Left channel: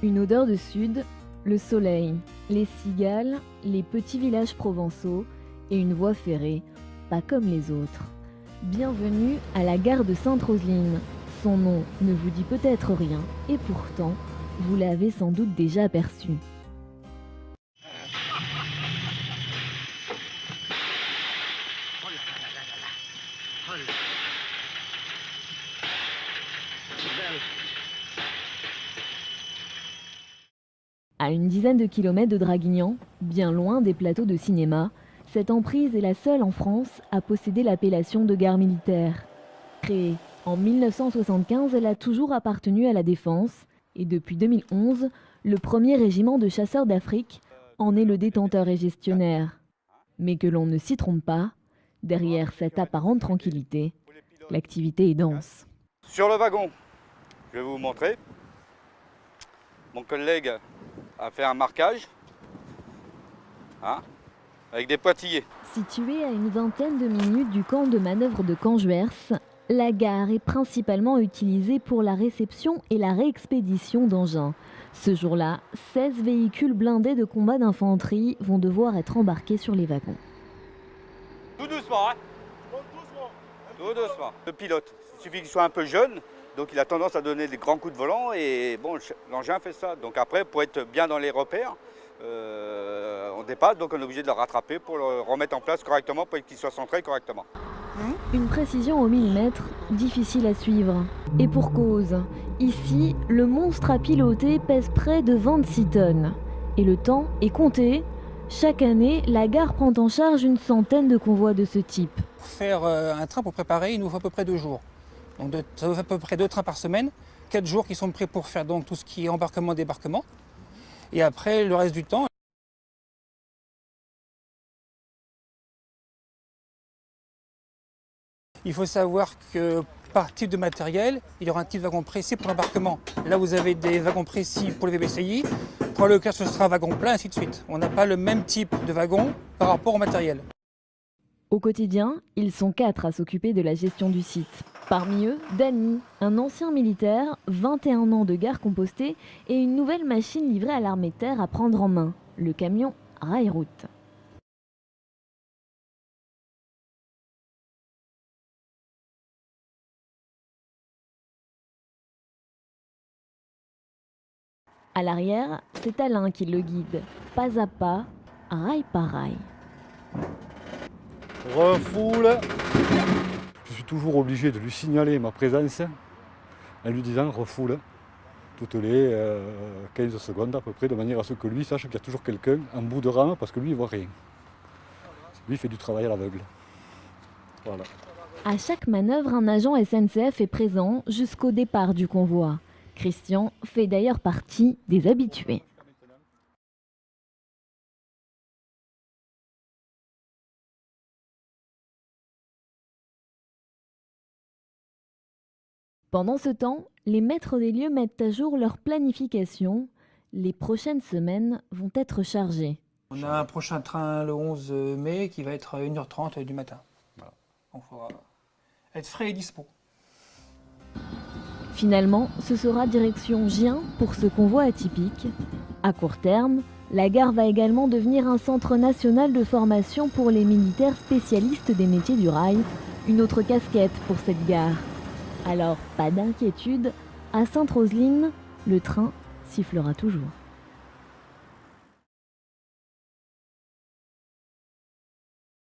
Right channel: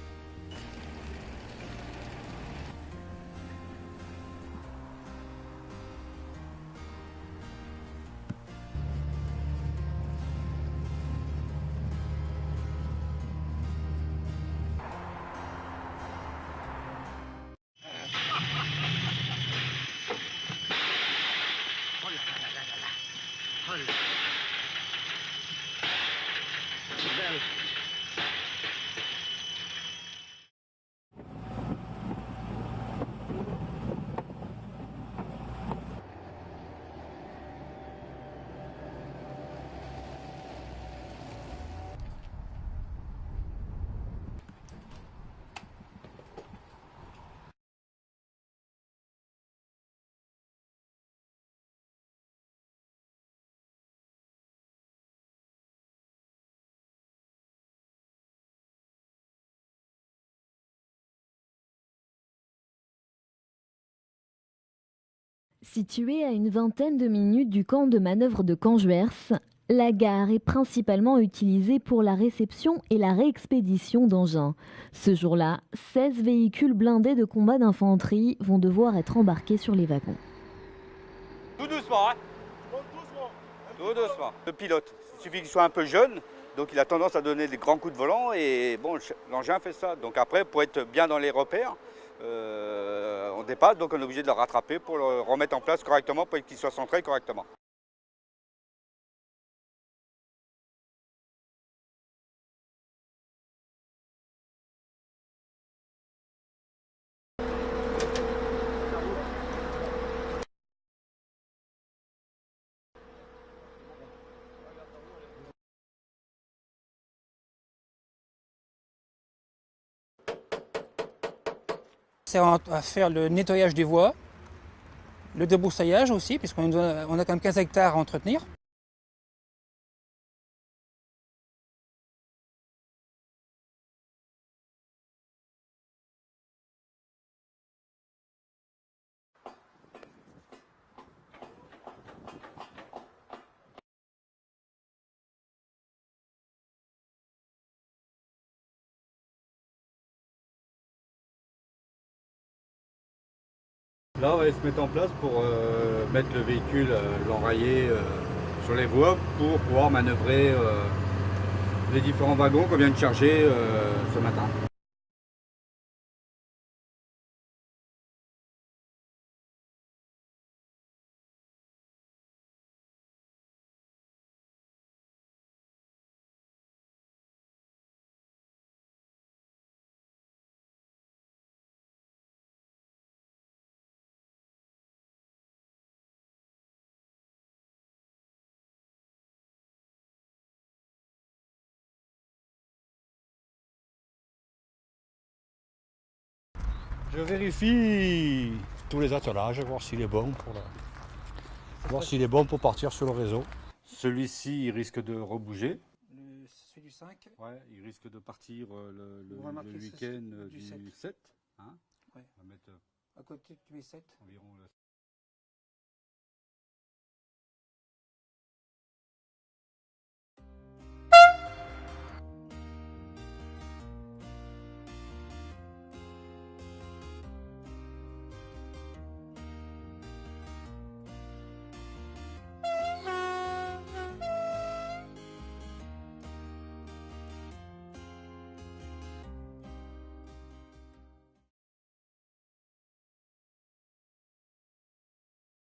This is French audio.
Une odeur de sud, le soleil, les cigales, les petits villages provençaux et une voie ferrée, pas comme les autres. Bienvenue à la gare de Sainte-Roseline. Son nom ne vous dit peut-être rien, et pourtant, vous l'avez sans doute déjà aperçu. À une dizaine de kilomètres de Draguignan, bien loin des plateaux de cinéma, cette emprise est la seule en France à posséder l'appellation de gare militaire. Créée en 1975, elle a toujours appartenu à la Défense et depuis 2011, le premier régiment de chasseurs d'Afrique en est le détenteur et gestionnaire. Mais que l'on ne s'y trompe pas, derrière cette apparente tranquillité, l'activité est dense. Sur le wagon, je vais vous montrer. Mon collègue a fait un marquage avec des pointillés. Située à une vingtaine de minutes du camp de manœuvre de Canjuers, la gare est principalement utilisée pour la réception et la réexpédition d'engins. Ce jour-là, 16 véhicules blindés de combat d'infanterie vont devoir être embarqués sur les wagons. Tout doucement, hein. Tout doucement. Le pilote, il suffit qu'il soit un peu jeune, donc il a tendance à donner des grands coups de volant et bon, l'engin fait ça. Donc après, pour être bien dans les repères, on dépasse, donc on est obligé de le rattraper pour le remettre en place correctement, pour qu'il soit centré correctement. Une précision au millimètre, difficile à suivre. Et pour cause, ici, le monstre à piloter pèse près de 26 tonnes. Et le temps est compté. Chaque année, la gare prend en charge une centaine de convois de ce type. Pour faire un train pour préparer, il nous faut à peu près 2 jours. Donc ça nous fait à peu près 2 trains par semaine, 4 jours qui sont prêts pour faire donc tout ce qui est embarquement-débarquement. Et après, le reste du temps, c'est à faire le nettoyage des voies, le débroussaillage aussi, puisqu'on a quand même 15 hectares à entretenir. Il faut savoir que par type de matériel, il y aura un type de wagon précis pour l'embarquement. Là, vous avez des wagons précis pour les VBCI. Pour le cas, ce sera un wagon plein, ainsi de suite. On n'a pas le même type de wagon par rapport au matériel. Au quotidien, ils sont 4 à s'occuper de la gestion du site. Parmi eux, Dany, un ancien militaire, 21 ans de gare compostée et une nouvelle machine livrée à l'armée de terre à prendre en main, le camion Rail-Route. Là, on va se mettre en place pour mettre le véhicule, l'enrayer sur les voies pour pouvoir manœuvrer les différents wagons qu'on vient de charger ce matin. À l'arrière, c'est Alain qui le guide, pas à pas, rail par rail. Refoule. Je suis toujours obligé de lui signaler ma présence en lui disant refoule toutes les 15 secondes à peu près, de manière à ce que lui sache qu'il y a toujours quelqu'un en bout de rame parce que lui il voit rien. Lui il fait du travail à l'aveugle. Voilà. À chaque manœuvre, un agent SNCF est présent jusqu'au départ du convoi. Christian fait d'ailleurs partie des habitués. Je vérifie tous les attelages, voir s'il est bon pour partir sur le réseau. Celui-ci, il risque de rebouger. Pendant ce temps, les maîtres des lieux mettent à jour leur planification. Les prochaines semaines vont être chargées. On a un prochain train le 11 mai qui va être à 1h30 du matin. Voilà. Donc il faudra être frais et dispo. Finalement, ce sera direction Gien pour ce convoi atypique. À court terme, la gare va également devenir un centre national de formation pour les militaires spécialistes des métiers du rail. Une autre casquette pour cette gare. Alors, pas d'inquiétude, à Sainte-Roseline, le train sifflera toujours.